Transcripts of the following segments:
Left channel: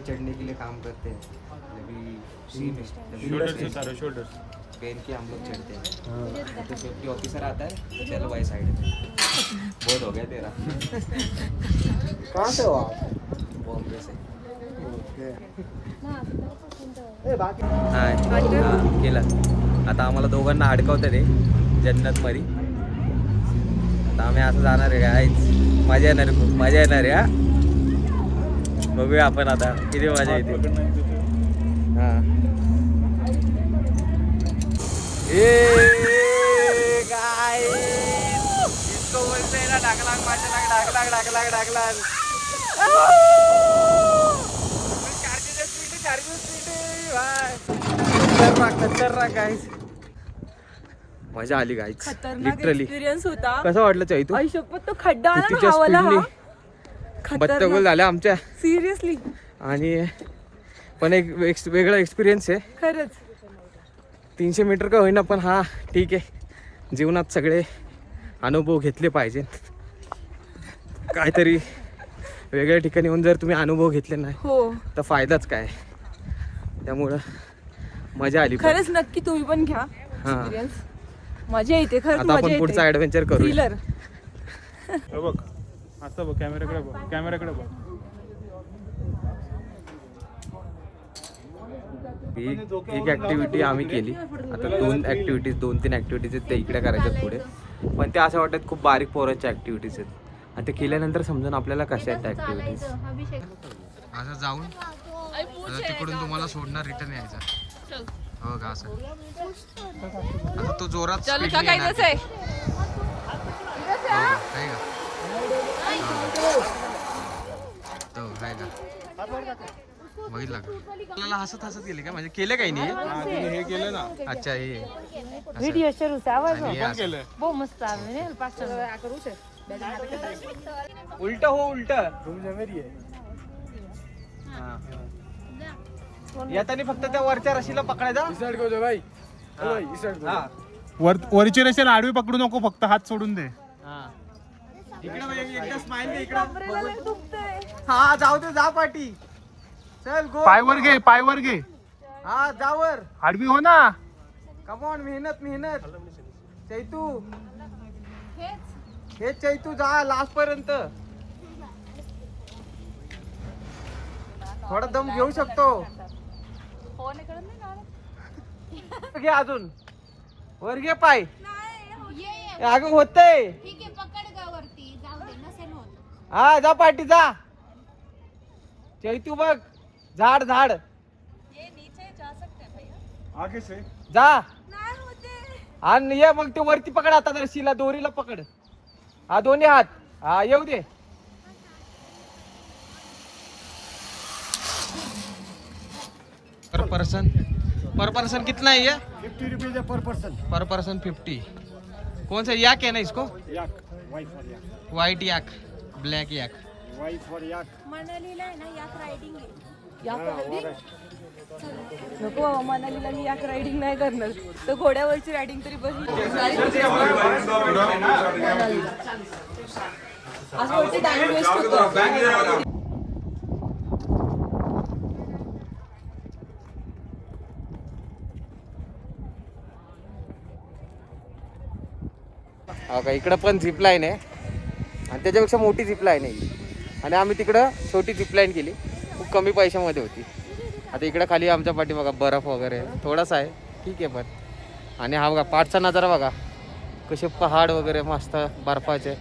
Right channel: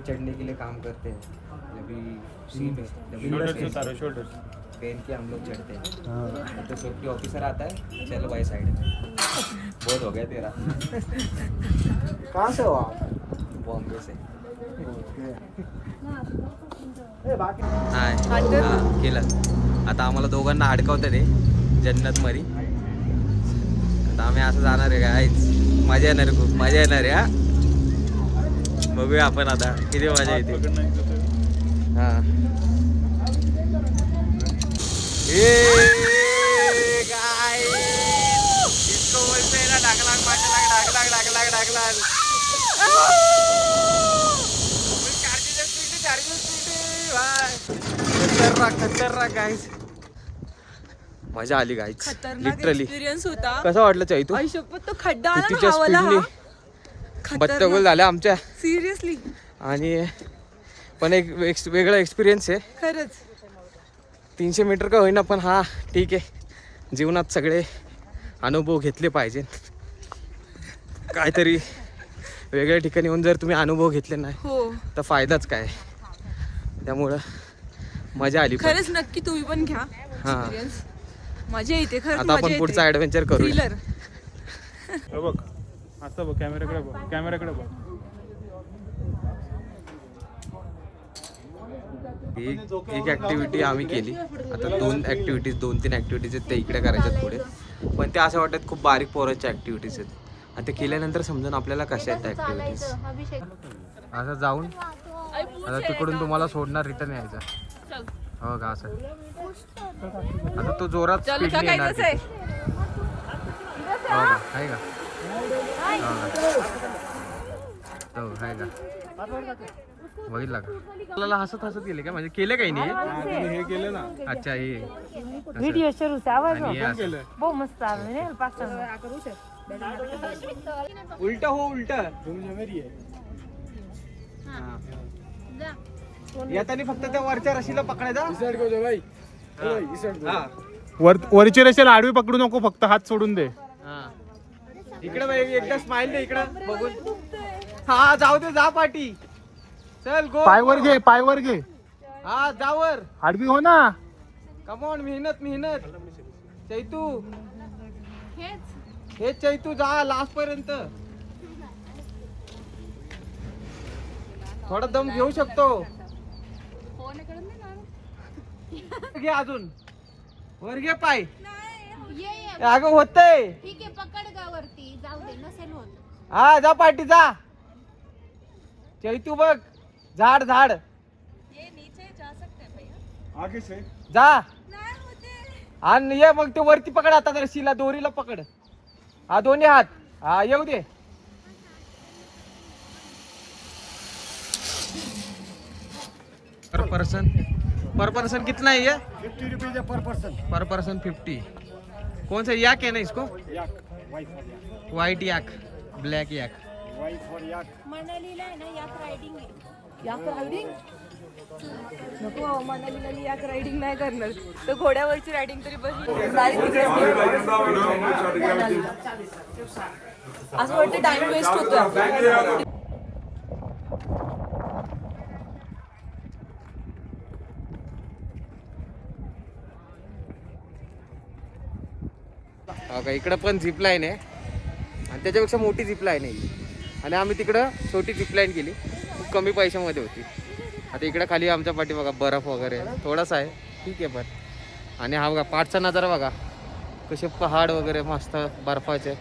पे चढ़ने के लिए काम करते हैं, जब भी सी में शोल्डर पहन के हम लोग चढ़ते हैं। तो सेफ्टी ऑफिसर आता है, चलो भाई साइड में, बहुत हो गया तेरा। कहाँ से हो आप? बॉम्बे से। हाय हां केलं. आता आम्हाला दोघांना अडकवतं ते जन्नत मध्ये. आता आम्ही असं जाणार आहे गाईज. मजा येणार आहे, खूप मजा येणार आहे. हा बघूया आपण आता किती मजा येते. हा ए गाईज इसको बोलते हैं ना ढाकलांग माचलांग ढाकलांग ढाकलांग. खतरनाक गाईज. मजा आली गाईज. खतरनाक एक्सपिरियन्स होता. कसं वाटलं चाई तू? आयुष्यात तो खड्डा आला ना हवाला हा. बत्तगोल झाल्या आमच्या. सिरियसली. आणि पण एक वेगळा एक्सपिरियन्स आहे खरंच. 300 मीटर का होईना पण हा ठीक आहे. जीवनात सगळे अनुभव घेतले पाहिजे. काहीतरी वेगळ्या ठिकाणी येऊन जर तुम्ही अनुभव घेतले नाही हो तर फायदाच काय. त्यामुळं मजा आली. खरंच नक्की तुम्ही पण घ्या हा. एक्सपिरियन्स. मजा येते खरंच. आता आपण पुढचा ऍडव्हेंचर करू. थ्रिलर. बघ असं बघ, कॅमेराकडे बघ, कॅमेराकडे बघ. एक ऍक्टिव्हिटी आम्ही केली. आता 2-3 ऍक्टिव्हिटीज आहेत त्या इकडे करायच्यात पुढे. पण त्या असं वाटत खूप बारीक पोरांच्या ऍक्टिव्हिटीज आहेत. आणि ते केल्यानंतर समजून आपल्याला कशा आहेत त्या ऍक्टिव्हिटीज. असं जाऊन आता तिकडून तुम्हाला सोडणार, रिटर्न यायचं. हो का असं. आता तो जोरात स्पीड काय येणार. आहे हो का आहे का. हो आहे का. बघितलं का. आपल्याला हसत गेले का, म्हणजे केलं काही नाही. हा, तिने हे केलं ना. अच्छा हे व्हिडिओ सुरू आणि हे असं. केलं बहुत मस्त आहे. उलट हो उलट. मेरी आहे. येतानी फक्त त्या वरच्या रशीला पकडायचा. भाई हा. वरची रेषेला आडवी पकडू नको, फक्त हात सोडून दे. इकडे बाई, एकदा स्माइल दे इकडे. हा जाऊ दे, जा पाठी. चल गो. पायवर घे, पायवर घे. हा जावर. आडवी हो ना. कमॉन, मेहनत चैतू. हेच चैतू, जा लास्ट पर्यंत. थोडा दम घेऊ शकतो. घे अजून वर घे पाय. अगं होतंय. ठीक आहे, पकड गा वरती, जाऊ दे, नसेल होत. हा जा पाठी जा. चैतू बघ, झाड आगे से जा. आणि ये मग ते वरती पकड. आता रशीला, दोरीला पकड. हा दोन्ही हात. हा येऊ दे. पर पर्सन कितना है ये? 50 रुपीज पर पर्सन. 50. कौन सा याक है ना इसको? Yak, Y for yak, white yak, black yak. Y for yak. मनालीला आहे ना याक रायडिंग आहे. नको मनालीला मी याक रायडिंग नाही करणार. तर घोड्यावरची रायडिंग तरी बस. असं वाटतं टाइम वेस्ट होतो. हा का. इकडं पण झिप लाईन आहे आणि त्याच्यापेक्षा मोठी झिप लाईन आहे. आणि आम्ही तिकडं छोटी झिप लाईन केली, खूप कमी पैशामध्ये होती. आता इकडं खाली आमच्या पाठी बघा बर्फ वगैरे थोडासा आहे, ठीक आहे. पण आणि हा बघा पाठचा नजारा बघा, कसे पहाड वगैरे मस्त बर्फाचे.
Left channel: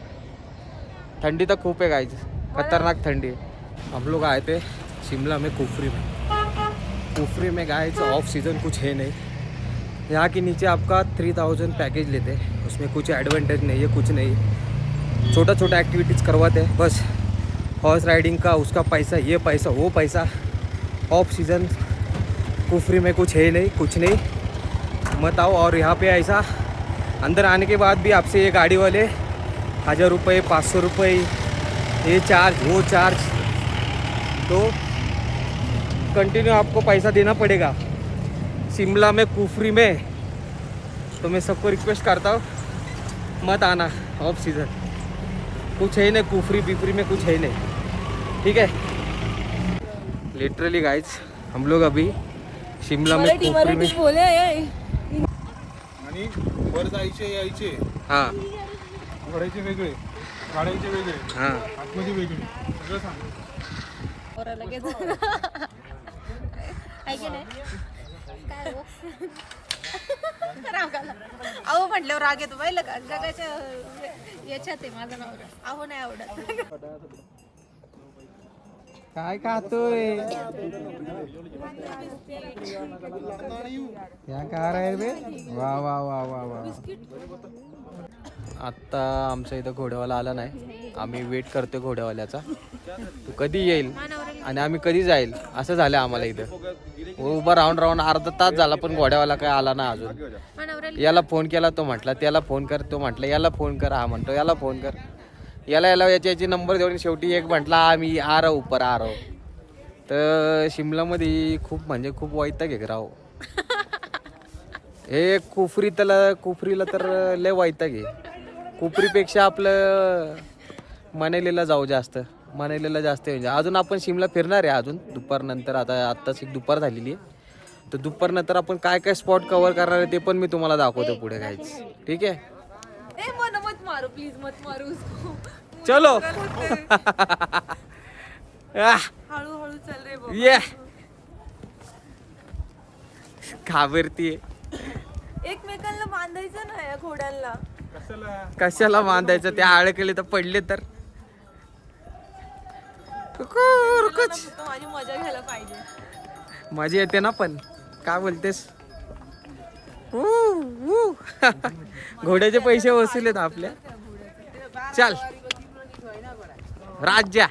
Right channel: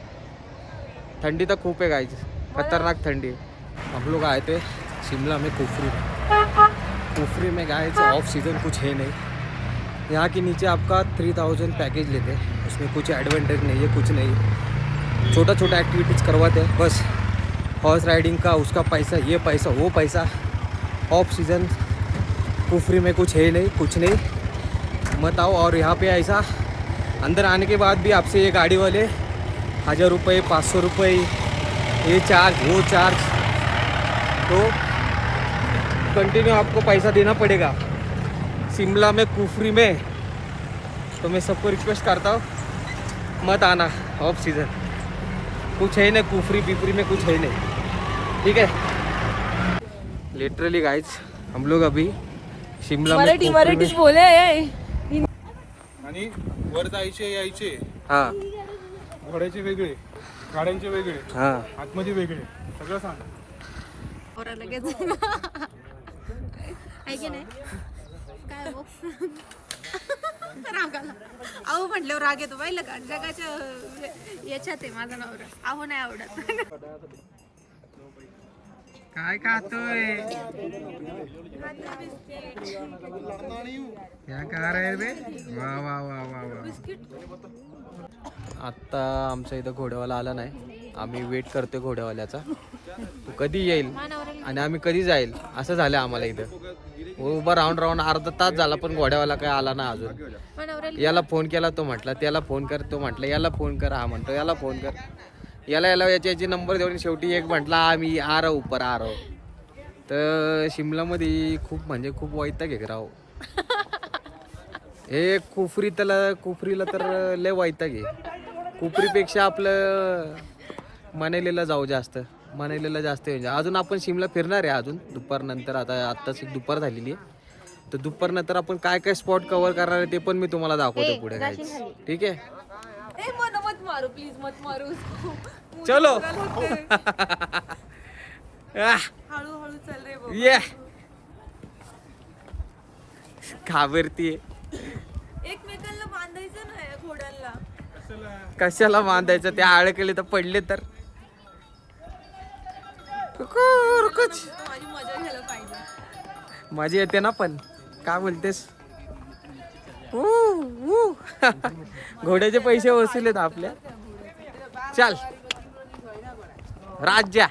थंडी तर खूप आहे गाईज, खतरनाक थंडी. हम लोग आए थे शिमला में कुफरी में गाइस. ऑफ सीजन कुछ है नहीं. यहाँ के नीचे आपका 3000 पैकेज लेते हैं. उसमें कुछ एडवांटेज नहीं है, कुछ नहीं. छोटा एक्टिविटीज़ करवाते हैं बस. हॉर्स राइडिंग का उसका पैसा, ये पैसा, वो पैसा. ऑफ सीज़न कुफरी में कुछ है नहीं, कुछ नहीं. मत आओ. और यहाँ पे ऐसा अंदर आने के बाद भी आपसे ये गाड़ी वाले 1000 रुपये, 500 रुपये, ये चार्ज, वो चार्ज. तो कंटिन्यू आपको पैसा देना पड़ेगा शिमला में, कुफरी में. तो मैं सबको रिक्वेस्ट करता हूँ मत आना ऑफ सीज़न. कुछ है नहीं कुफरी पिफरी में, कुछ है नहीं, ठीक है. लिटरली गाइस हम लोग अभी शिमला में खोपरी में बोले आणि वर जायचे यायचे हा घोड्याचे वेगळे गाड्यांचे वेगळे हा आतमध्ये वेगळे सगळं सांग और लगेच आहे की नाही काय हो रागाला अहो म्हटल्यावर राग येतो पाहिलं का जगाच्या याच्यात आहे माझा नवरा अहो नाही आवडत काय खातोय क्या खा रहे बे वा वा वा वा वा आत्ता आमच्या इथं घोड्यावाला आला नाही आम्ही वेट करतोय घोड्यावाल्याचा तू कधी येईल आणि आम्ही कधी जाईल असं झालं आम्हाला इथं उभा राहून राहून अर्धा तास झाला पण घोड्यावाला काय आला ना अजून याला फोन केला तो म्हटला त्याला फोन कर तो म्हटलं याला फोन कर हा म्हणतो याला फोन कर याला याची नंबर देऊन शेवटी एक म्हटला आम्ही आ राहू उपर आ राहू तर शिमलामध्ये खूप म्हणजे खूप वैताग आहे राव हे कुफरीला तर लय वैताग आहे कुफरीपेक्षा आपलं मनालीला जाऊ जास्त मनालीला जास्त म्हणजे अजून आपण शिमला फिरणार आहे अजून दुपारनंतर आत्ताच एक दुपार झालेली आहे तर दुपारनंतर आपण काय काय स्पॉट कव्हर करणार आहे ते पण मी तुम्हाला दाखवतो पुढे काहीच ठीक आहे ए मन मत मारू प्लीज मत मारू उसको. चलो हळूहळू चल रे बाबा. ये घाबरतीये एकमेकांना बांधायचं ना या घोड्यांना. कशाला बांधायचं त्या अडकले तर पडले तर माझी मजा घ्यायला पाहिजे. मजा येते ना पण काय बोलतेस घोड्याचे पैसे वसूल आहेत आपल्या चल राज्या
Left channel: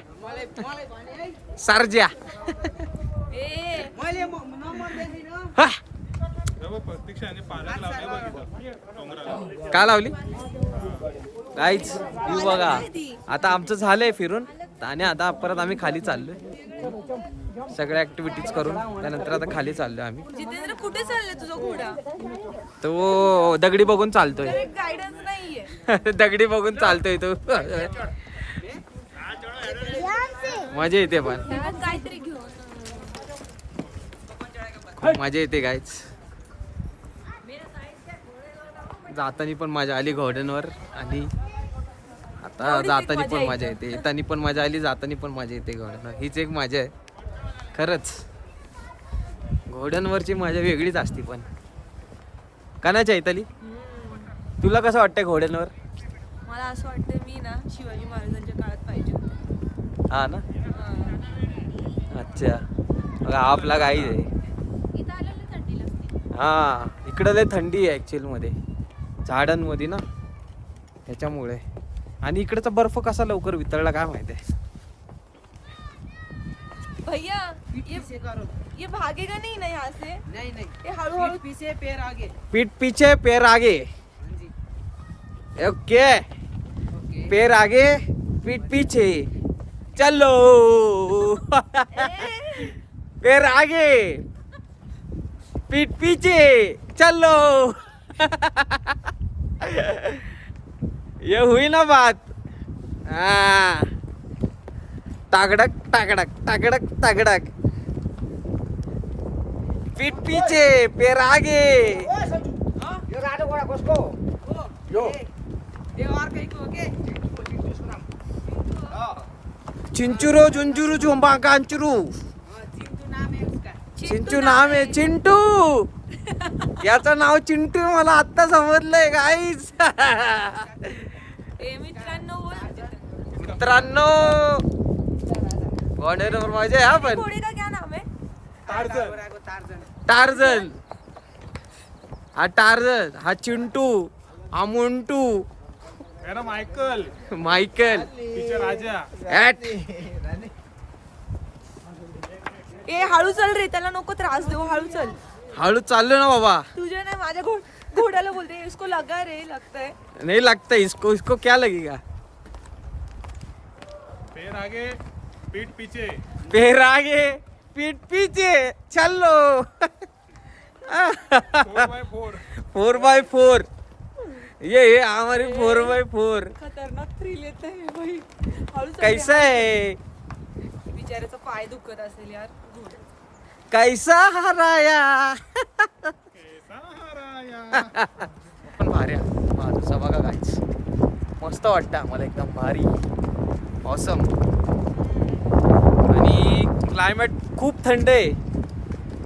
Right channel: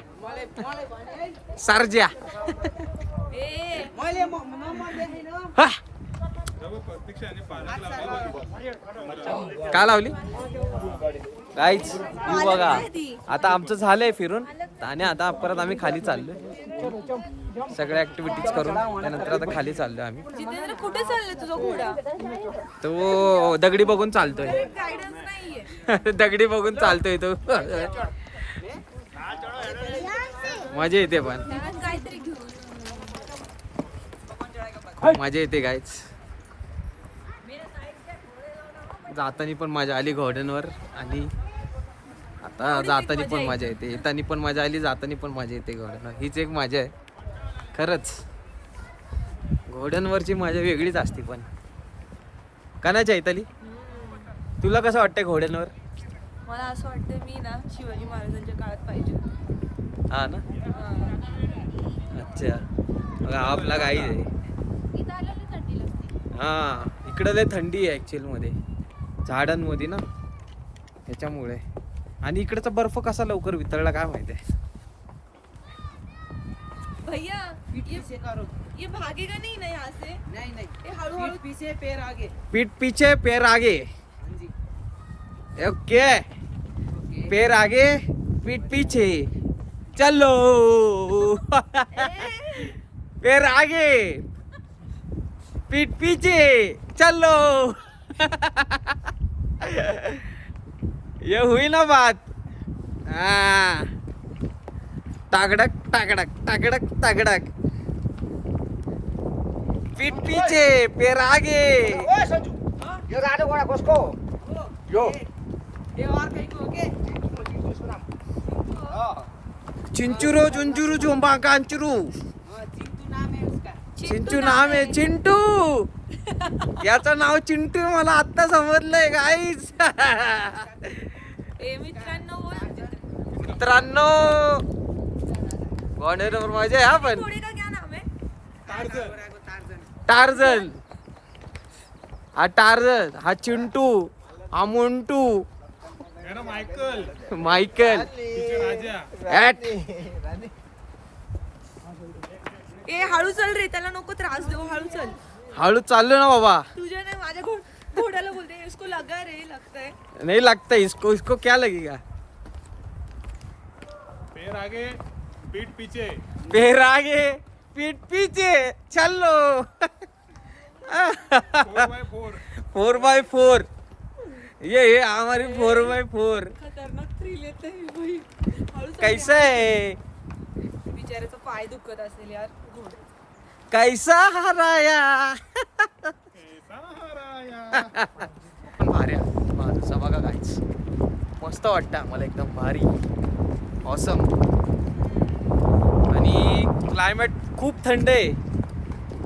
सरज्या हा. का लावली काहीच येऊ बघा आता आमचं झालंय फिरून आणि आता परत आम्ही खाली चाललोय सगळ्या ऍक्टिव्हिटीज करून त्यानंतर आता खाली चाललोय आम्ही. जितेंद्र कुठे चालले तुझा घोडा? तो दगडी बघून चालतोय गायडन्स नाहीये. दगडी बघून चालतोय तो मजा येते पण काहीतरी घेऊन खूप मजा येते गायच जातानी पण मजा आली घोड्यांवर आणि आता जातानी पण मजा येते येतानी पण मजा आली जातानी पण मजा येते घोड्यांवर हीच एक मजा आहे खरंच घोड्यांवरची मजा वेगळीच असते पण का नाही चैताली तुला कसं वाटतंय घोड्यांवर? मला असं वाटतं मी ना शिवाजी महाराजांच्या काळात पाहिजे होते. हा ना अच्छा मग आपला गाई आहे इथं आलेली थंडी लागते. हा इकडं लय थंडी आहे ऍक्च्युअल मध्ये झाडांमध्ये ना त्याच्यामुळे आणि इकडचा बर्फ कसा लवकर वितळला काय माहिती आहे. भैया ये भागेगा नहीं ना यहाँ से? नहीं ये हळूहळू पीछे पैर आगे. पीठ पीछे पैर आगे ओके पैर आगे पीठ पीछे चलो पैर आगे पीठ पीछे चलो ये हुई ना बात हाँ तागड़क तागड़क तागड़क तागड़क पीठ पीछे पैर आगे चिंचुरो चुंचुरू झुंबा कांचुरू चिंचू नाम आहे चिंटू याचं नाव चिंटू मला आत्ता समजलंय गाईस ए मित्रांनो बोल. मित्रांनो घोड्यावर मजा आहे हा पण घोड़े का क्या नाम है? टार्झन हा टार्झन हा चिंटू हा मुंटू मायकल मायकल राजा ॲट ए हळू चल रे त्याला नको त्रास देऊ हळू चल. हळू चाललो ना बाबा तुझे ना माझ्या घोड्याला बोलते इसको लगा रे लगता है. नहीं लगता इसको इसको क्या लगेगा पैर आगे पीठ पीछे पैर आगे पीठ पीछे चलो 4x4 4x4 ये हमारी 4x4 खतरनाक थ्रिल येतं भाई. हळू चल. कैसा है बिचाऱ्याचा पाय दुखत असेल यार घोडे. कैसा हराया पण भारी माझा बघा गाईच मस्त वाटतं आम्हाला एकदम भारी ऑसम. आणि क्लायमेट खूप थंड आहे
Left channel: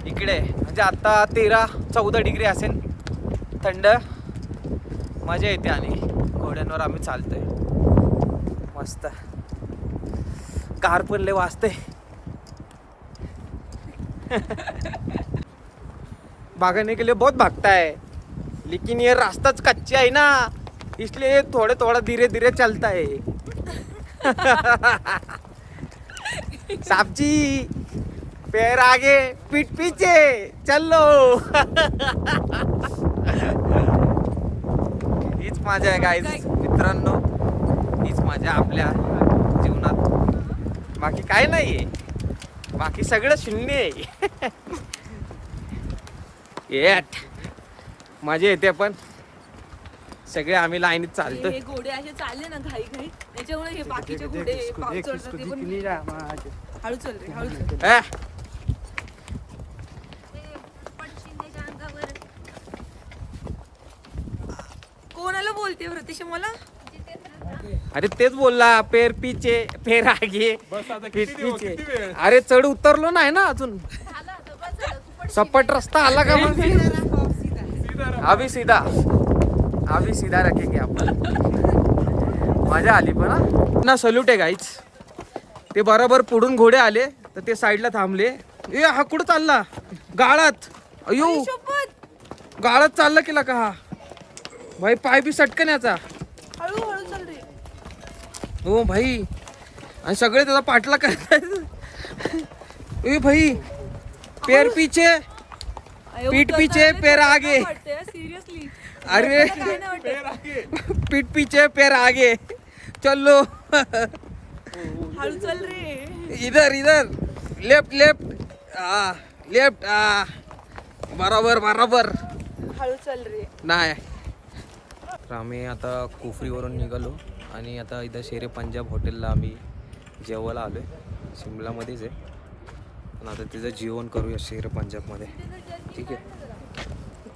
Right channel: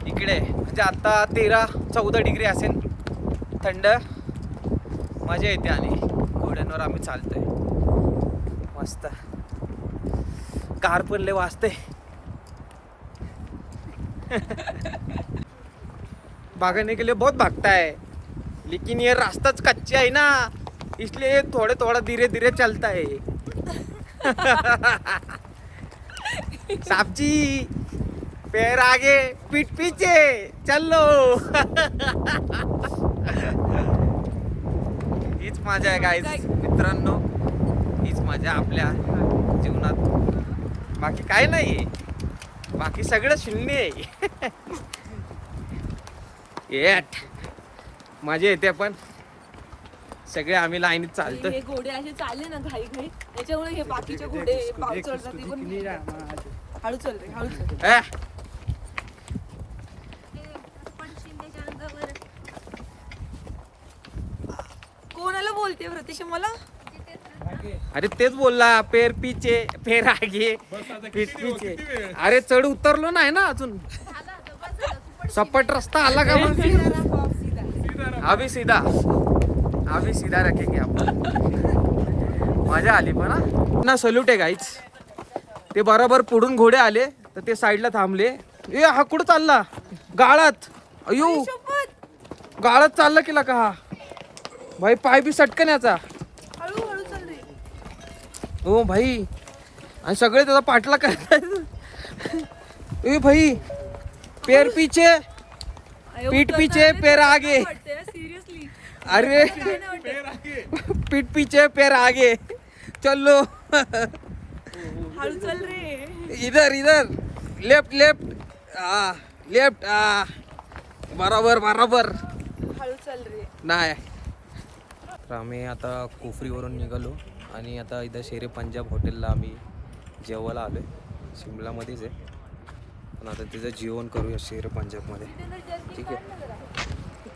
इकडे म्हणजे आता 13-14 डिग्री असेल थंड. मजा येते आणि घोड्यांवर आम्ही चालतोय मस्त. कार पण लय वाजते. भागने के लिए बहुत भागता है लेकिन ये रास्ता कच्चा है ना इसलिए थोड़े थोड़ा धीरे धीरे चलता है. साहब जी पैर आगे पीठ पीछे चलो. हीच मजा आहे गाईज मित्रांनो. हीच मजा आपल्या जीवनात. बाकी काय नाहीये. बाकी सगळं शून्य आहे. येट मजा येते पण सगळे आम्ही लाईनीत चालतो. हे घोडे असे चालले ना घाई घाई त्याच्यामुळे हे बाकीचे घोडे पाव चढतात ते पण हळू चल रे हळू चल. शिंदेच्या अंगावर कोणाला बोलते प्रत्यक्ष मला. अरे तेच बोलला पेर पीचे पेर आगे पीठ पीचे. अरे चढ उतरलो नाही ना अजून. सपाट रस्ता आला का मग. अभी सीधा रखेंगे आपण. मजा आली पण ना. सल्यूट आहे गाईच. ते बरोबर पुढून घोडे आले तर ते साईडला थांबले. ए हा कुठं चालला गाळात. अयो गाळात चालला केला का हा भाई. पाय बी सटकन याचा. हळू हळू चल रे. ओ भाई आणि सगळे त्याचा पाठला करतात. ए भाई पैर पीछे पीठ पीछे पैर आगे. सिरियसली अरे पीठ पीछे पैर आगे चलो. हळू चल रे. इधर लेफ्ट लेफ्ट बरोबर हळू चल रे. नाही. तर आम्ही आता कुफरीवरून निघालो आणि आता इथं शेरे पंजाब हॉटेलला आम्ही जेवायला आलो आहे. शिमलामध्येच आहे पण आता तिथं जेवण करूया शेरे पंजाबमध्ये. ठीक आहे.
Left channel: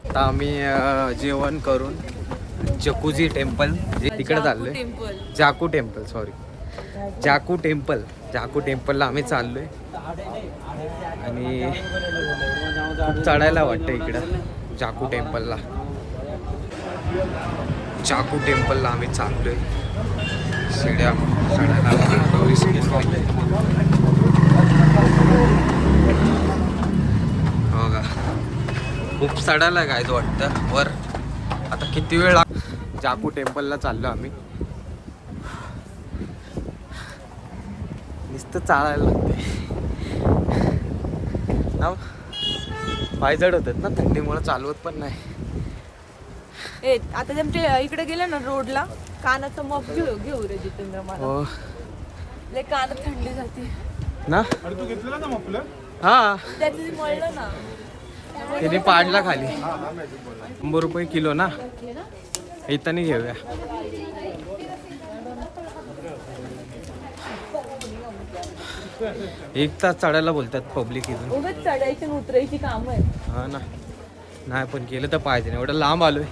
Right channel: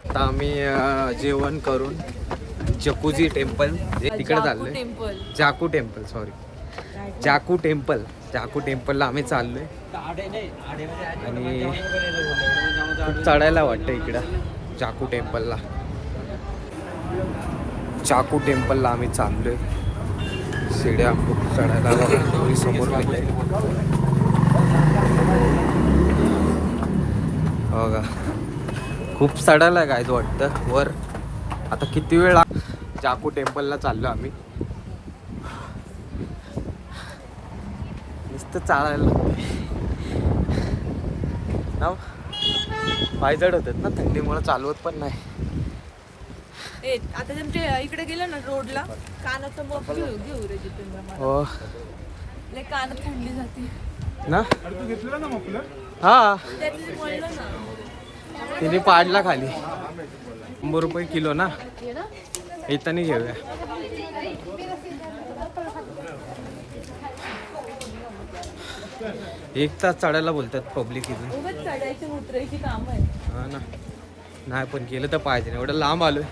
आता आम्ही जेवण करून जकुजी टेम्पल जे तिकडे चाललोय. टेम्पल जाकू टेम्पल सॉरी जाकू टेम्पलला आम्ही चाललोय. आणि खूप चढायला वाटतं इकडं जाकू टेम्पलला. जाकू टेम्पलला आम्ही चाललोय. शिड्या खूप चढायला समोर हो का. खूप चढायला काय वाटतं वर. आता किती वेळ जाकू टेम्पलला चाललो आम्ही. नुसतं चालायला लागते ना. पाय जड होतात ना थंडीमुळे चालवत पण नाही. आता तुमच्या इकडे गेले ना रोडला कानाचं मग घेऊ रे जितेंद्र मला. हो लय कान थंडी जाते ना. अरे तू घेतलेला ना आपलं. हा त्यातली वळलं ना. त्याने पाडला खाली 100 रुपये किलो ना. इथं घेऊया. एक तास चढायला बोलतात पब्लिक इथून. उगाच चढायची आणि उतरायची काम आहे. हा ना. नाही पण केलं तर पाहिजे. एवढं लांब आलोय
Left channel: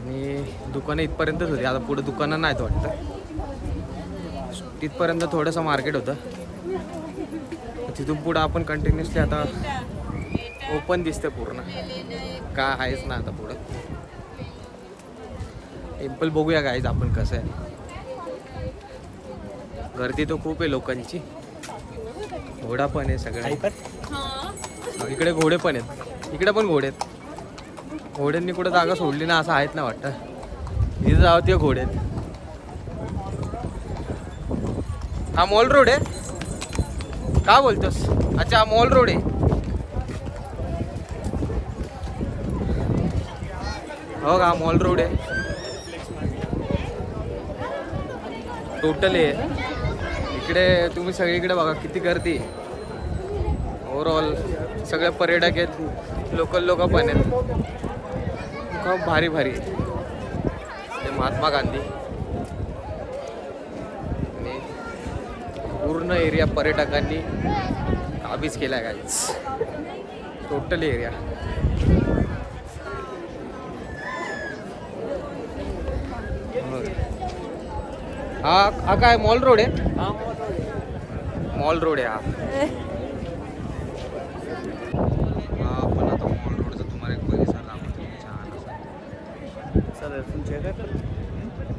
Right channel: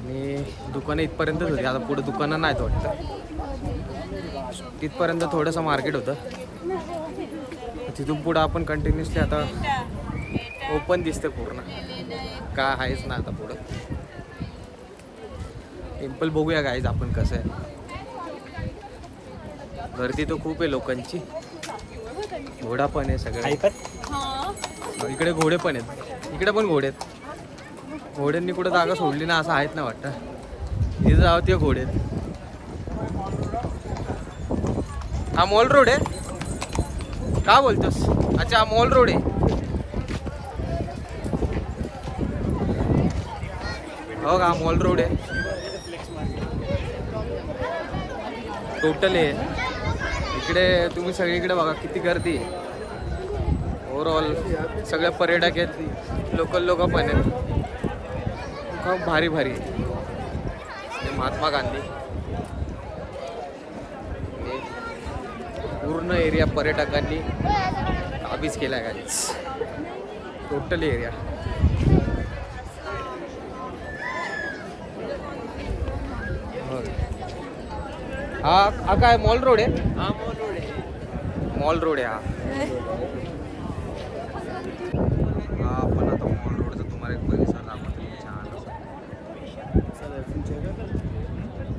आणि दुकानं इथपर्यंतच होती. आता पुढे दुकानं नाहीत वाटतं. तिथपर्यंत थोडंसं मार्केट होतं. तिथून पुढं आपण कंटिन्युअसली आता ओपन दिसते पूर्ण. काय आहेच ना आता पुढं. टेम्पल बघूया गाईज आपण कसं आहे. गर्दी तर खूप आहे लोकांची. घोडा पण आहे सगळे. इकडे घोडे पण आहेत. इकडे पण घोडे आहेत. घोड्यांनी कुठं जागा सोडली ना असं आहेत ना वाटतं. इथे जावं ते घोडे आहेत. हा मॉल रोड आहे का बोलतोस. अच्छा मॉल रोड आहे. हो का मॉल रोड आहे टोटल आहे. इकडे तुम्ही सगळीकडे बघा किती गर्दी आहे. ओव्हरऑल सगळे पर्यटक आहेत. लोकल लोक पण आहेत. खूप भारी भारी आहे. ते महात्मा गांधी आणि पूर्ण एरिया पर्यटकांनी काबीज केला गाईच, टोटल एरिया. हा काय मॉल रोड आहे? मॉल रोड आहे हा. आपण आता मॉल रोडचा तुम्हाला एक परिसर दाखवतो, छान असा. सर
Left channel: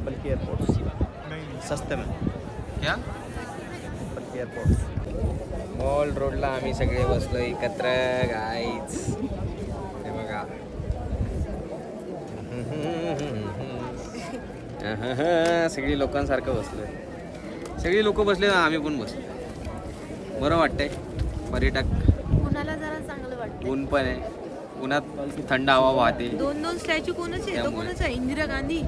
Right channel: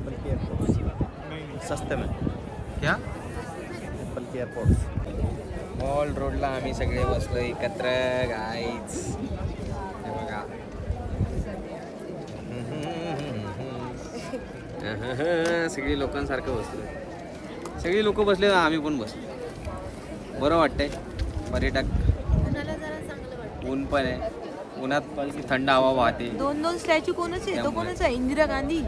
बल्कि एयरपोर्ट्स सस्ते में क्या बल्कि एयरपोर्ट्स. मॉल रोडला आम्ही सगळे बसलो एकत्र गाईच. हे बघा सगळी लोकांसारखं बसलोय. सगळी लोक बसले, आम्ही पण बसलो. बरं वाटतंय. पर्यटक, ऊन पण आहे, उन्हात थंड हवा वाहते. 2 स्टॅच्यू कोणच आहे? तो त्यामुळे. कोणच आहे? इंदिरा गांधी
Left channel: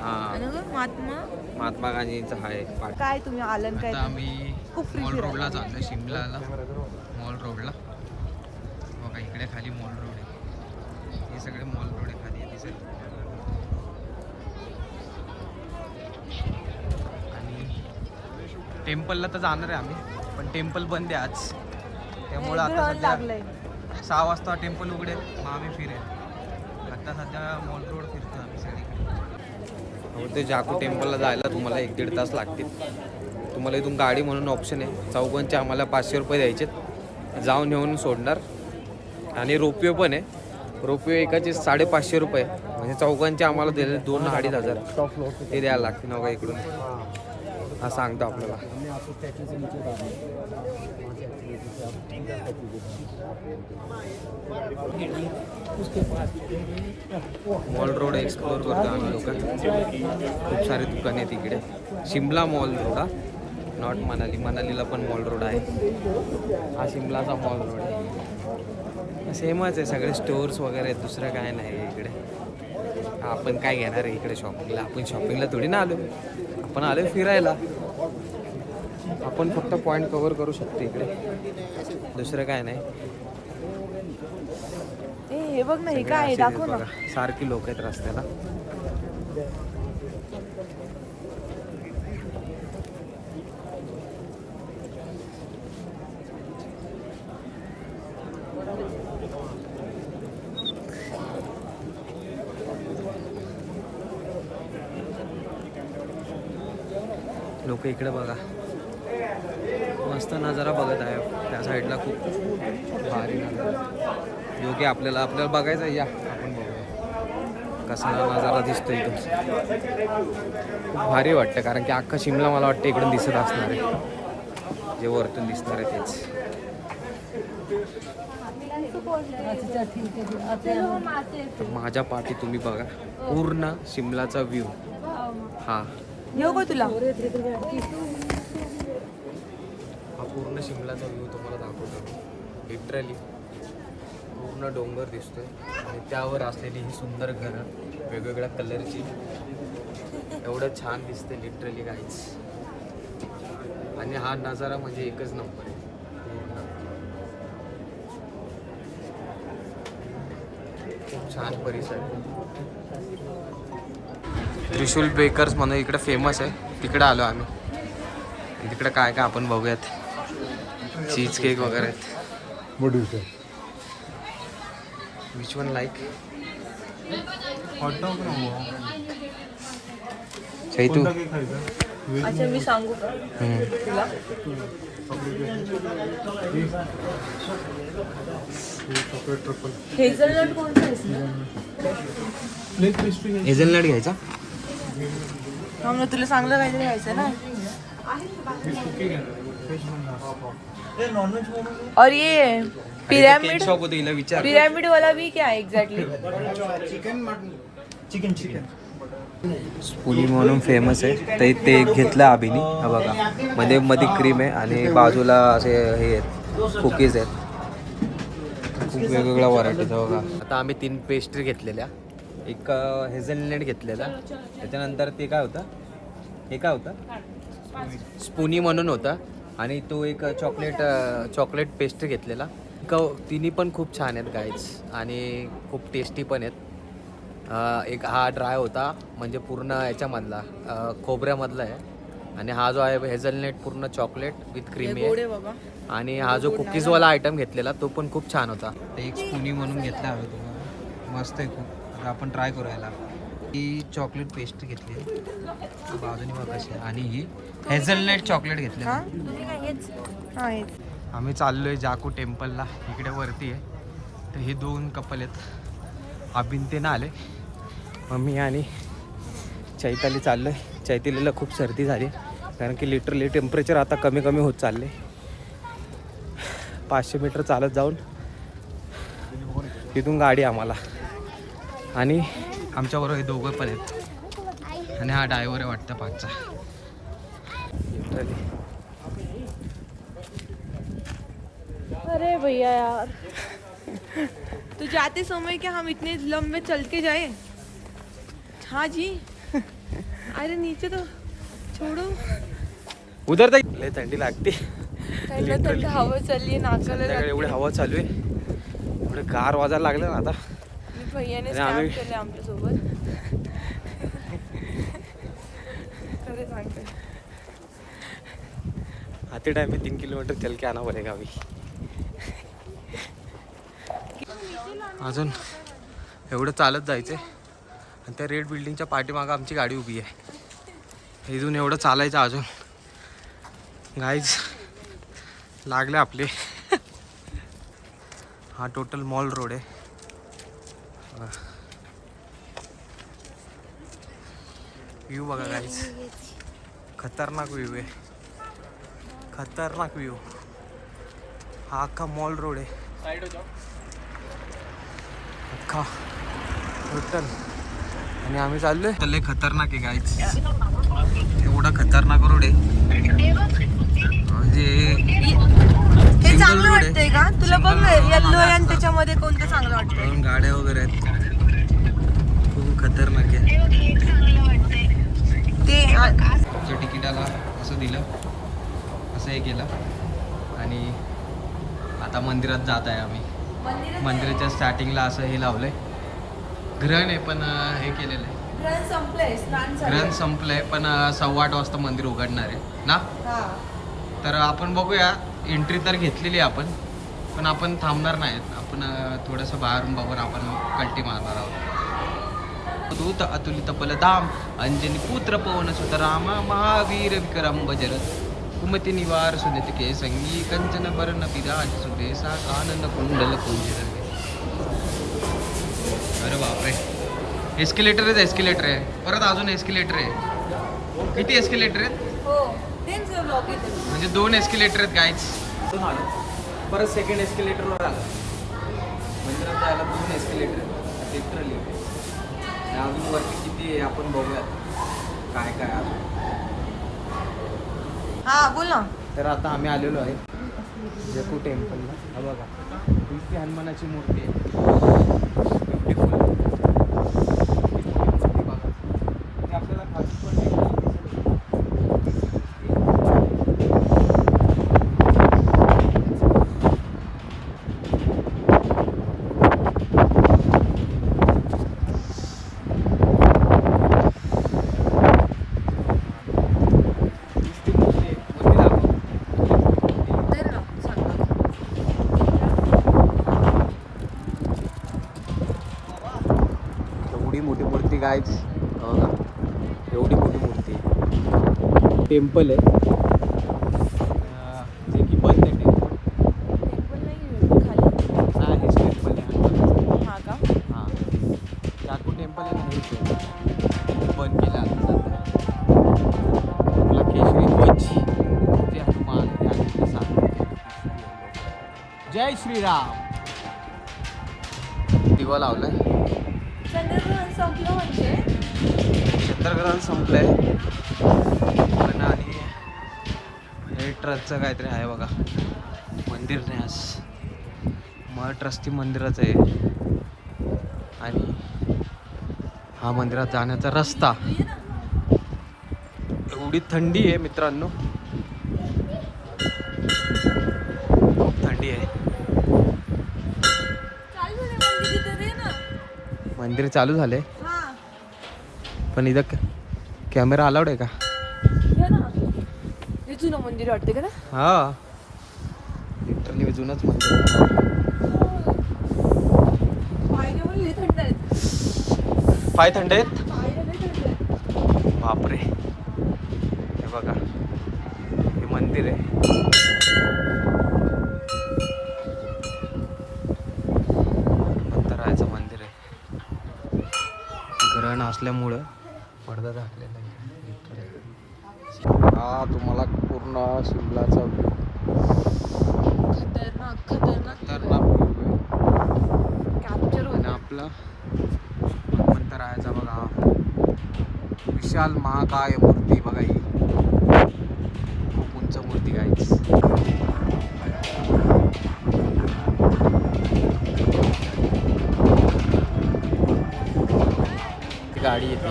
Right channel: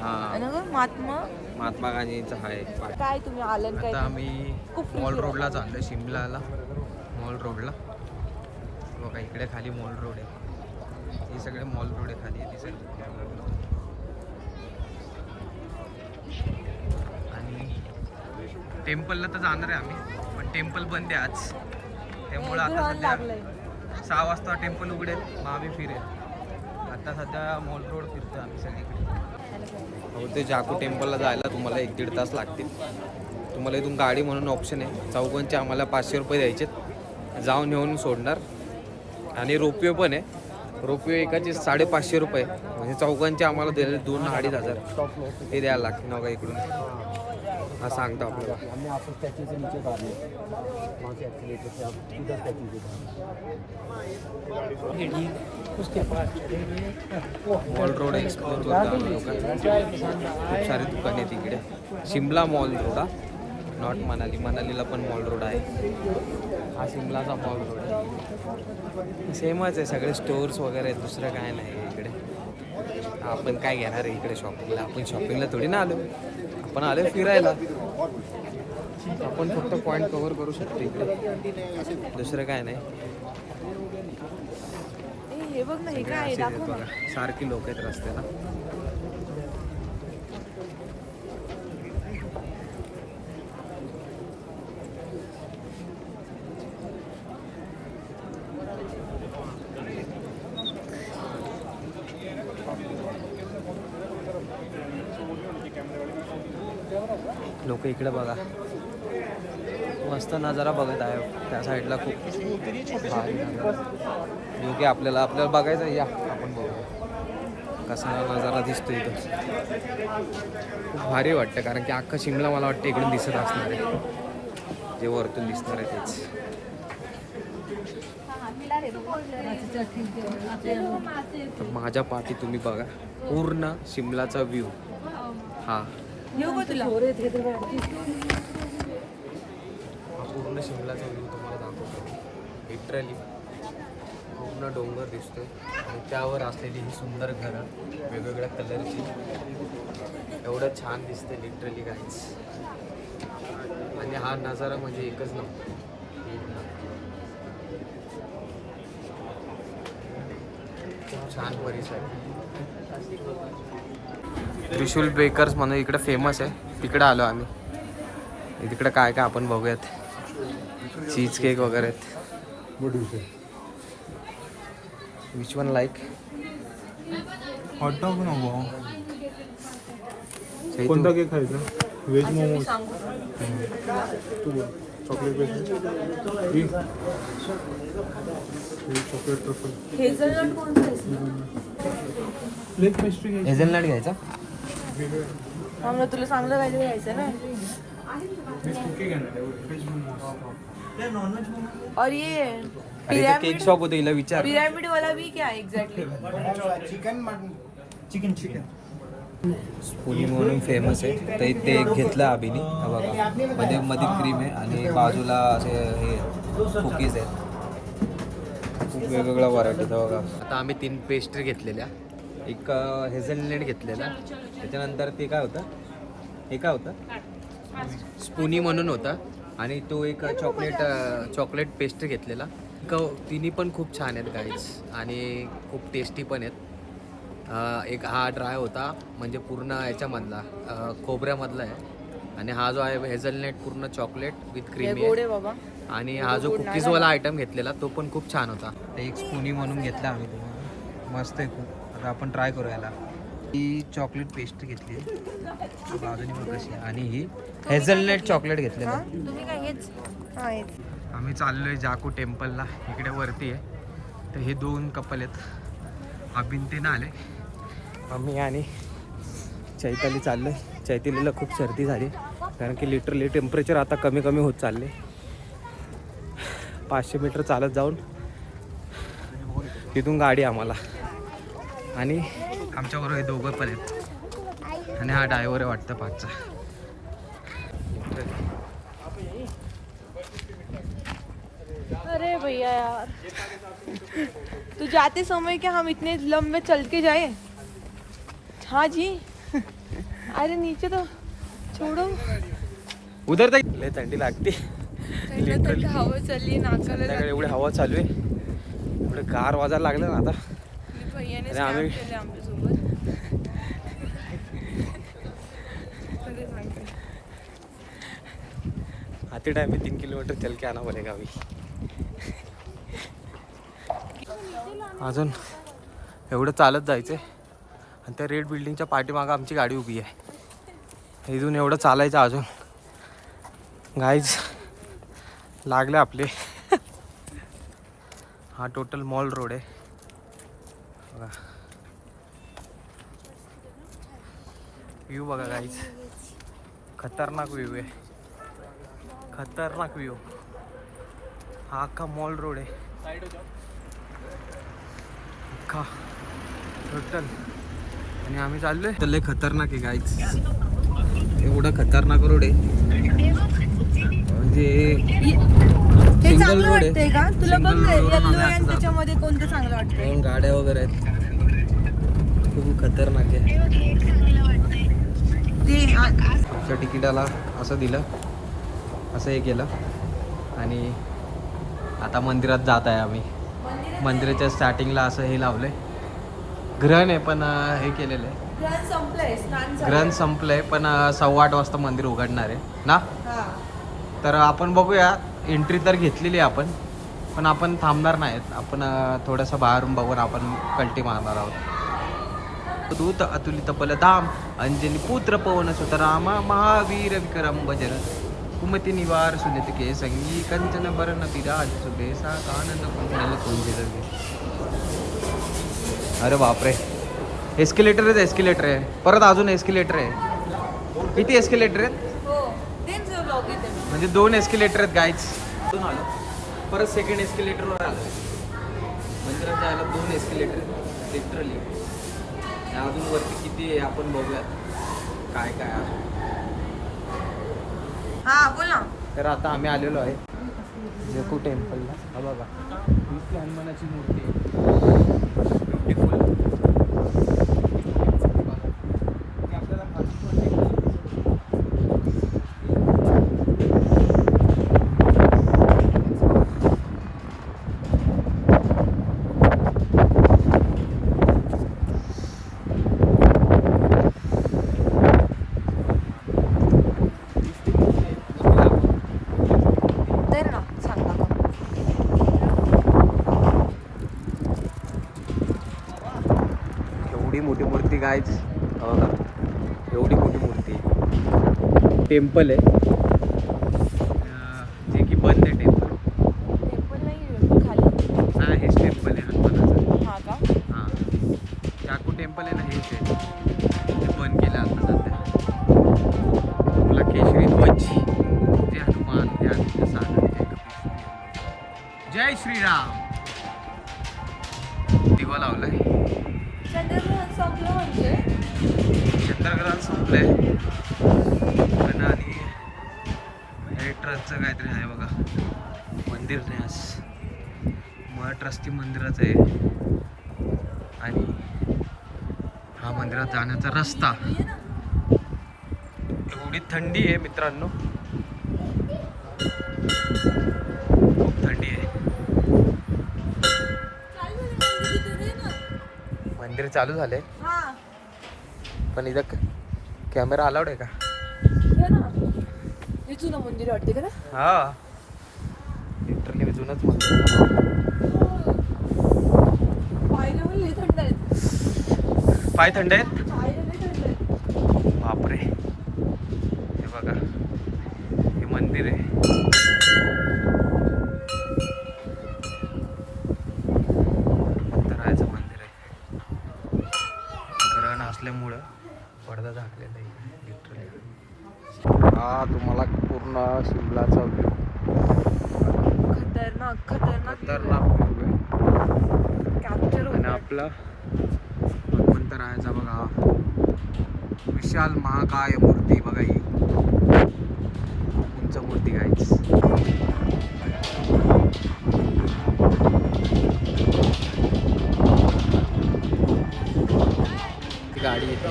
हा, आणि गं महात्मा गांधींचा आहे पाठ. काय तुम्ही आलं आता आम्ही मॉल रोडला चाललोय, शिमलाला मॉल रोडला. बघा इकडे खाली मॉल रोड आहे. हे सगळे मॉल रोड आहे खाली दिसेल. आणि टेम्पलला तर जाणार आहे आम्ही, पण टेम्पल बंद आहे आज. त्यामुळं आता सध्या 6 वाजता टेम्पल उघडेल, मग आम्ही फिरेल. आता सध्या मॉल रोड फिरतो आम्ही सगळीकडे. हो, ते जाकू टेम्पलला जायला तुम्हाला 1-1.5 तास लागतील. तुम्हाला इथून गाडी म्हणून ऑप्शन आहे. चौघांचे आम्हाला 500 रुपये द्यायचे, जाऊन येऊन सोडणार. आणि रोपवे पण आहे. रोपवे एकाचे 550 रुपये, म्हणजे चौघांचे आम्हाला दिले 2-2.5 हजार ते द्यायला लागते ना. बघा इकडून हा सांगतो आपल्याला. मॉल रोड एक्सप्लोर करतो आम्ही लोक. खूप सारे दुकाने आहेत इकडे. शिमला मॉल रोड हा, नॉट मनाली. मनालीला पण मॉल रोड आहे. हा शिमलाचा मॉल रोड आहे. सेमच आहे, सगळे स्टोर्स वगैरे आहेत, दुसरं काय नाही आहे इकडे. आपण काय घेणार आहे इकडे शॉपिंगला? आपण शॉपिंगला थोडी ना आलो, आपण आलो फिरायला. आपण फक्त पॉईंट कव्हर करू शकतो इकडे, दुसरं काय नाही. हे बघ ना, हे काय आहे? दाखव ना. बघा सारखी लोक आहेत रस्त्याला. लोक इकडे बघा मस्त नजारा बघत आहे. त्या साईडला खूप भारी नजारा, जो की आपल्याला बघायचा. या आपण बघूया कसा नजारा दिसतो इथं. खूप भारी वाटतं, कारण की अख्खा शिमला मला वाटतं इकडून दिसत असणार आहे. जे वरतून दिसणार आहे तेच. तर माझ्या पाठी तुम्ही बघा पूर्ण शिमलाचा व्ह्यू. हा तुला हा पूर्ण शिमलाचा व्ह्यू तुम्हाला दाखवतो. लिटरली पूर्ण डोंगर दिसतोय आणि त्यावर असलेली ही सुंदर घरं वेगवेगळ्या कलरची. एवढं छान दिसते लिटरली काहीच. आणि हा नजारा म्हणजे एकच नंबर आहे पूर्ण. खूप छान परिसर आहे. त्रिशूल बेकर्स म्हणून इकडे फेमस आहे, तिकडे आलो आम्ही. तिकडे काय काय आपण बघूयात. चीज केक वगैरे आहेत. Which one like? कोणता केक खायचा? व्हेज अच्छा मी सांगू का चॉकलेट ट्रफल. हेझलनट कोणता आहे? Plain pastry. हेझलनट घ्यायचा. हा मग तुला चांगलं काहीतरी घ्यायचं ना. और ये केक पिरामिड, शॉप होते, हिला विचार. पिरामिड वाला भी क्या है एग्जैक्टली? चिकन स्पुली म्हणून फेमस आहे, तर ते एक घेतलं आम्ही. हा बघा मध्ये क्रीम आहे आणि बाजूला असे हे आहेत कुकीज आहेत. खूप वेगवेगळ्या व्हरायटीचा बघा. आता आम्ही 3 पेस्ट्री घेतलेल्या. एक हेझलनट घेतलेला, त्याच्यानंतर ते काय होतं, हे काय होतं स्पुनी म्हणून होता. आणि तो एक चॉकलेट पेस्ट्री घेतलेला. तिन्ही पण खूप छान आहेत गाईज आणि खूप टेस्टी पण आहेत. एक हा ड्राय होता, म्हणजे पूर्ण याच्यामधला खोबऱ्यामधला आहे. आणि हा जो आहे हेझलनेट पूर्ण चॉकलेट विथ क्रीमी गोड आहे. आहे बाबा. आणि हा जो कुकीजवाला आयटम घेतलेला तो पण खूप छान होता. एक स्पूनी म्हणून घेतला आम्ही तुम्हाला, मस्त आहे खूप. आता आपण ट्राय करू याला. ही चॉकलेट पेस्ट घेतली आहे बाजूनी बघ कशी आहे, आणि ही हेझलनेट चॉकलेट घेतलेलं. तुम्ही काय हेच आम्ही चाललोय जाकू टेम्पलला, इकडे वरती आहे. तर हे 2 कपल आहेत, अभिनतेनं आले. मी आणि चैताली चाललोय. चैतालीला खूप सर्दी झाली कारण की लिटरली टेम्परेचर आता कमी कमी होत चालले. 500 मीटर चालत जाऊन तिथून गाडी आम्हाला, आणि आमच्याबरोबर हे दोघं पण आहेत, आणि हा ड्रायव्हर आहे वाटतं 5चा. अरे भैया यार, तो जाते समय क्या हम इतने लंबे चल के जाए? हाँ जी, अरे नीचे तो छोड़ो. उधर तक लय थंडी लागते. लिटरली हवा चालली नाकाला. संध्याकाळी एवढी हवा चालू आहे, एवढं गार वाजायला लागलं ना आता. भैयाने आणि आम्ही- स्नॅप केले आमच्यासोबत. अरे माहिती. आते टाइम में 3 किलोमीटर चल के आना पडेगा अभी. अजून एवढं चालत जायचं आणि त्या रेड बिल्डिंगच्या पाठीमागं आमची गाडी उभी आहे. इथून एवढं चालायचं अजून. गाईज लागले आपले. हा टोटल मॉल रोड आहे बघा. व्ह्यू बघा गाईज, खतरनाक व्ह्यू आहे, खतरनाक व्ह्यू. हा अख्खा मॉल रोड आहे, अख्खा टोटल. आणि आम्ही चाललोय तर लय खतरनाक आहे गाईज, एवढा खतरनाक रोड आहे. म्हणजे सिंगल रोड आहे, सिंगल रोड आणि त्याच्यामध्ये कोणतं चांगलं वाटतं? गाड्या वगैरे आहेत, खूप खतरनाक आहे. आमच्या तिकिटाला असं दिलं, असं हे केलं, आणि आता मंदिरात जात आहे आम्ही. मंदिराच्या स्टार्टिंगला असं हे लावलंय, ग्रहण आहे पण हे केलेलं आहे. ग्रहण संपलंय, स्नान झालंय. ग्रहण संपलंय पण 8:15 वाजता मंदिर उघडणार आहे ना. हा. तर आपण बघूया, एंट्री तर घेतलेली आहे आपण, पण आपण थांबणार नाहीत. आपण थोडंसं बाहेरून बघून आपण कल्टी मारणार आहोत. दूत अतुलित बलधाम, अंजनी पुत्र पवन सुत रामा, महावीर विक्रम बजरथ, कुमति निवार सुनित के संगी, कंचन बरन विराज सुबेसा, कानन कुंडल कुंजिर. अरे बापरे, एस्केलेटर आहे, परत अजून एस्केलेटर आहे. किती एस्केलेटर आहेत? हो, तेच ब्लॉग येते. म्हणजे 2 एस्केलेटर आहेत गाईज. दोन आलो, परत सेकंड एस्केलेटरवर आलं. मंदिरात जायला 2 एस्केलेटर आहेत लिटरली. अजून वरती किती आहे आपण बघूयात काय काय अजून. हा बोल ना. तर आता आम्ही आलेलो आहे जेकू टेम्पलला. हा बघा, इथे हनुमानाची मूर्ती आहे, ब्युटिफुल. आपल्याला खाली पण मोठी मूर्ती गायच. एवढी मोठी मूर्ती टेम्पल आहे, जे की बंद आहे टेम्पल. हा हेच टेम्पल आहे हनुमानाचं. हां, जाकू टेम्पल आहे ना, हेच आहे. ते बंद केलं आता सध्या. आपला केशरी ध्वज, जे हनुमान या सागर. जय श्रीराम. दिवा लावलाय. चंद्रग्रहण संपलंय पण, आणि हे ट्रस्टचं काहीतरी आहे बघा, मंदिर नाही आज, मग ट्रस्टी मंदिराचं आहे. आणि हा मंदिरात जाण्याचा रस्ता. एवढी थंडी आहे मित्रांनो, थंडी आहे. मंदिर चालू झाले पण इथं कॅमेरा अलाउड आहे का? हे जुनं मंदिर वाटते का ना? हा पायऱ्या पण लई थंड आहेत. पाय थंड आहेत. पायऱ्या लई थंड आहेत. बापरे हे बघा हे मंदिर आहे. राहायचं मंदिर आहे. ग्रहण असल्यामुळं पडदा टाकलेला आहे. हा तुम्हाला पूर्ण शिमलाचा व्ह्यू खतरनाक खतरनाक खतरनाक व्ह्यू आहे. कॅप्चर आणि आपला हनुमंत राहायचा बघा विशाल महाकाय मूर्ती बघा ही खूप उंच मूर्ती गाईच. ती गाडी येते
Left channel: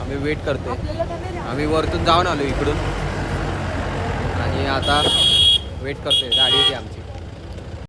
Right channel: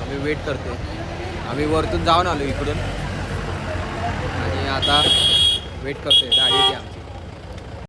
आम्ही वेट करतोय. आम्ही वरतून जाऊन आलो इकडून आणि आता वेट करतोय गाडी येते आमची.